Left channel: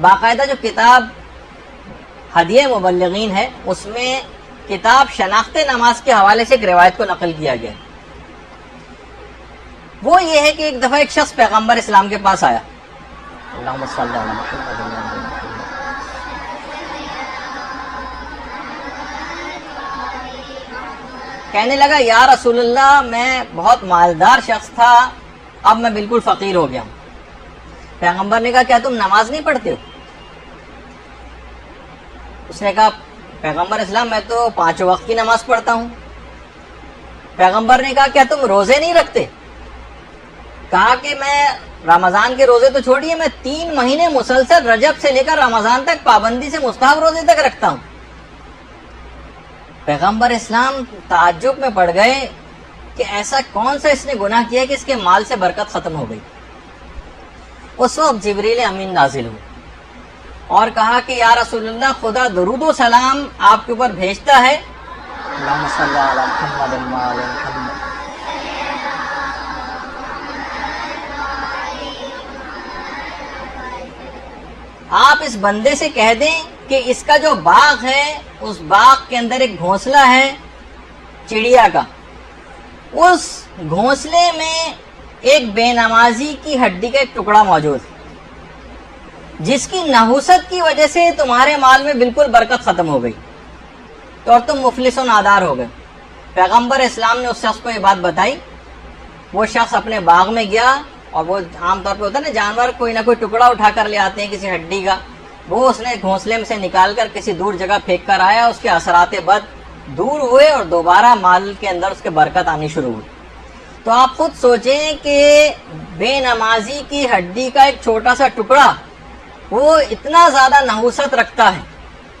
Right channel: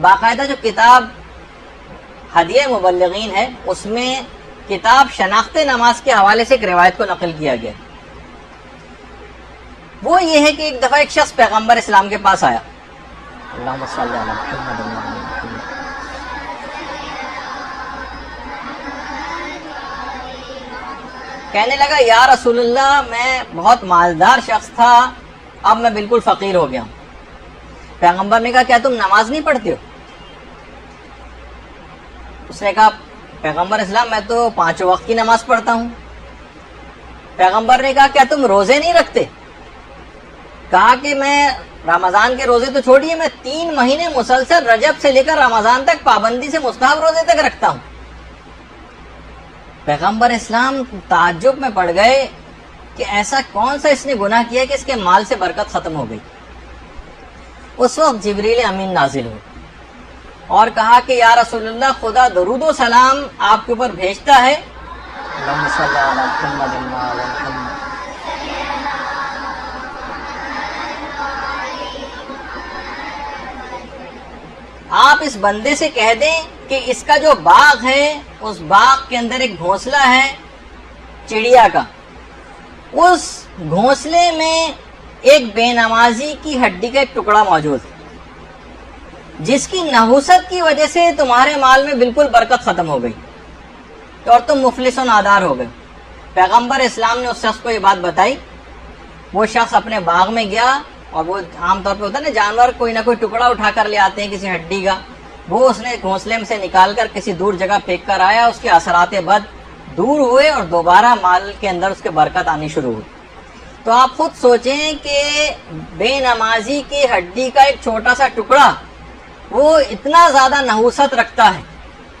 باقاعدہ جو کتاب ہدیہ مبلغین ہے اس میں کتاب شناخت نماز کے حوالے سے ایک روایت کو نقل کیا گیا. وہ یہ ہے کہ ایک دفعہ ایک شخص پیغمبر اسلام کے پاس آیا. اللہم صلی علی محمد. کہنے لگا یا رسول اللہ میں بہت مالدار شخص تھا، اب میں بالکل فقیر ہو گیا ہوں. پیغمبر نے کہا کیا تم نماز نہیں پڑھتے ہو؟ اس نے کہا پیغمبر اسلام میں تو 5 وقت کی نماز پڑھتا ہوں. پیغمبر نے کہا کیا تم روزے نہیں رکھتے؟ کہا کہ میں رمضان کے روزے تو چھوڑیے، میں 3 مہینے مسلسل رجب سے لے کر رمضان تک پابندی سے مستحب روزے تک رکھتا ہوں. پیغمبر اسلام تعجب میں پڑ گئے کہ ایسا کون سا اس نے گناہ کیا کہ اس کے مال سے برکت ختم ہو گئی. اس وقت جبریل امین نازل ہوئے اور کہا کہ یا رسول اللہ خدا درود و سلام آپ کے اوپر بھیجتا ہے. اللہم صلی علی محمد وعلی محمد. آپ اس بندے سے کہہ دیں کہ اس کا جو باغ ہے اس باغ کے اندر ایک گھونسلہ ہے چڑیا کا، اس گھونسلے میں ایک بے نمازی کی ہڈی کا ایک ٹکڑا موجود ہے جس کی نحوست کی وجہ سے تمہارے مال میں بالکل برکت ختم ہو گئی اور تم مفلس و نادار ہو گئے. پیغمبر اسلام نے اس شخص کو یہ بات بتائی. وہ شخص اپنے باغ میں گیا اور وہ عام طور پہ ہوتا ہے نا جانور کوئی نہ کوئی ٹکڑا اٹھا کر لے آتے ہیں کسی ہڈی کا، وہ اس نے گھونسلے میں سے نکال کر کسی دور جگہ پھینک کر آیا. اس کے اثرات بد دور ہوئے اور دوبارہ مال کے اندر اس کے برکت آنی شروع ہوئی. تو آپ خود سوچیں کہ بے نمازی کی ہڈی کا ایک چھوٹا سا ٹکڑا وہ اتنا زیادہ نحوست رکھتا ہے،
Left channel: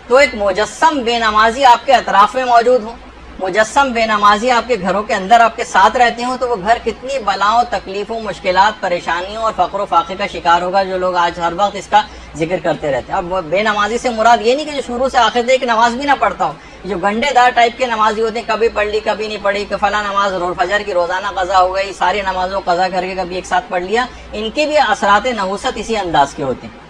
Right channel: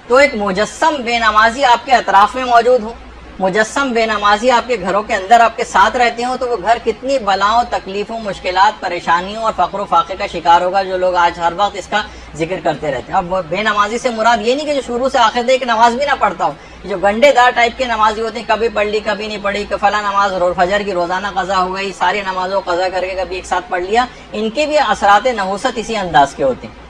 تو ایک مجسم بے نمازی آپ کے اطراف میں موجود ہو، مجسم بے نمازی آپ کے گھروں کے اندر آپ کے ساتھ رہتے ہوں، تو وہ گھر کتنی بلاؤں، تکلیفوں، مشکلات، پریشانیوں اور فقر و فاقے کا شکار ہوگا. جو لوگ آج ہر وقت اس کا ذکر کرتے رہتے ہیں. اب بے نمازی سے مراد یہ نہیں کہ جو شروع سے آخر تک نماز بھی نہ پڑھتا ہو. جو گنڈے دار ٹائپ کے نمازی ہوتے ہیں، کبھی پڑھ لی کبھی نہیں پڑھی، کہ فلاں نماز فجر کی روزانہ قضا ہو گئی، ساری نمازوں قضا کر کے کبھی ایک ساتھ پڑھ لیا، ان کی بھی اثرات نحوست اسی انداز کے ہوتے ہیں.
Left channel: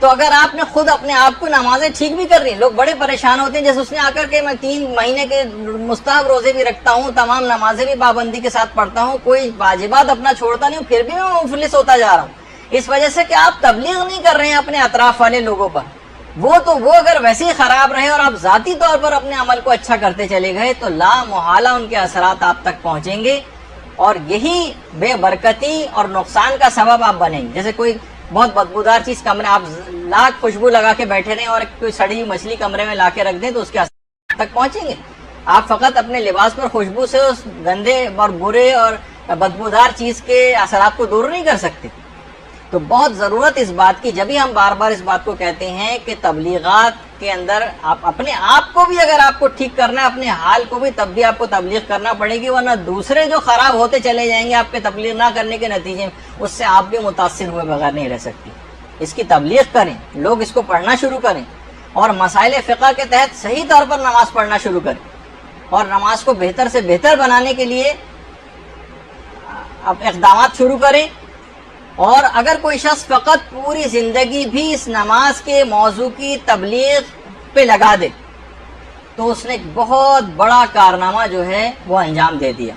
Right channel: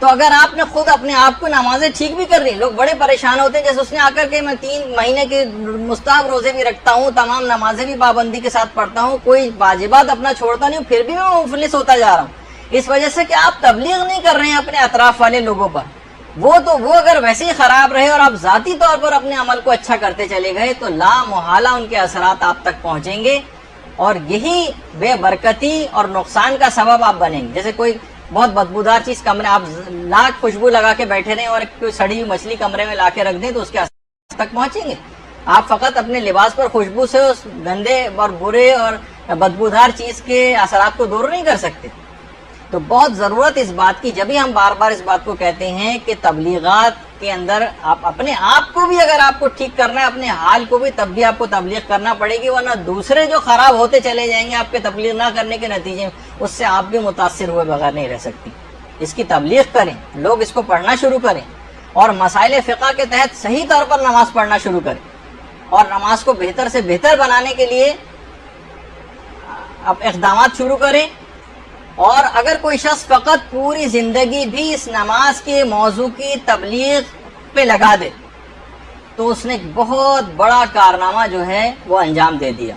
تو اگر آپ نے خود اپنے آپ کو نمازیں ٹھیک بھی کر رہی، لوگ بڑے پریشان ہوتے ہیں جیسے اس نے آ کر کے میں 3 مہینے کے مستحب روزے بھی رکھتا ہوں، تمام نمازیں بھی پابندی کے ساتھ پڑھتا ہوں، کوئی واجبات اپنا چھوڑتا نہیں ہوں، پھر بھی میں مفلس ہوتا جا رہا ہوں. اس وجہ سے کہ آپ تبلیغ نہیں کر رہے ہیں اپنے اطراف والے لوگوں پر. وہ اگر ویسے ہی خراب رہے اور آپ ذاتی طور پر اپنے عمل کو اچھا کرتے چلے گئے تو لا محالہ ان کے اثرات آپ تک پہنچیں گے اور یہی بے برکتی اور نقصان کا سبب آپ بنیں گے. جیسے کوئی بہت بدبودار چیز کمرے، آپ لاکھ خوشبو لگا کے بیٹھے رہیں اور کوئی سڑی ہوئی مچھلی کمرے میں لا کے رکھ دیں تو اس کے اثرات تک پہنچیں گے. آپ فقط اپنے لباس پر خوشبو سے اس گندے اور برے اور بدبودار چیز کے اثرات کو دور نہیں کر سکتے. تو بہت ضرورت اس بات کی، جبھی ہم بار بار اس بات کو کہتے ہیں کہ تبلیغات کے اندر آپ اپنے آپ کو بھی اگر آپ کو ٹھیک کرنا ہے، اپنے حال کو بھی، تب بھی آپ کو تبلیغ کرنا پڑے گی، ورنہ دوسرے جو خراب ہوتے چلے جائیں گے آپ کے تبلیغ نہ کرنے کے نتیجے میں، اس سے آپ بھی متاثر ہوئے بغیر نہیں رہ سکتی. اس کی تبلیغ کریں، لوگ اس کو پڑھنا شروع کریں اور مسائل فقہ کے تحت صحیح طور پر نماز پڑھنا شروع کریں اور نماز کو بہتر سے بہتر بنانے کے لیے اب اقدامات شروع کریں. اور اگر کوئی شخص فقط پوری زندگی بھی اس نماز کے موضوع کی تبلیغ پہ لگا دے تو اس نے ایک بہت بڑا کارنامہ جو ہے وہ انجام دے دیا.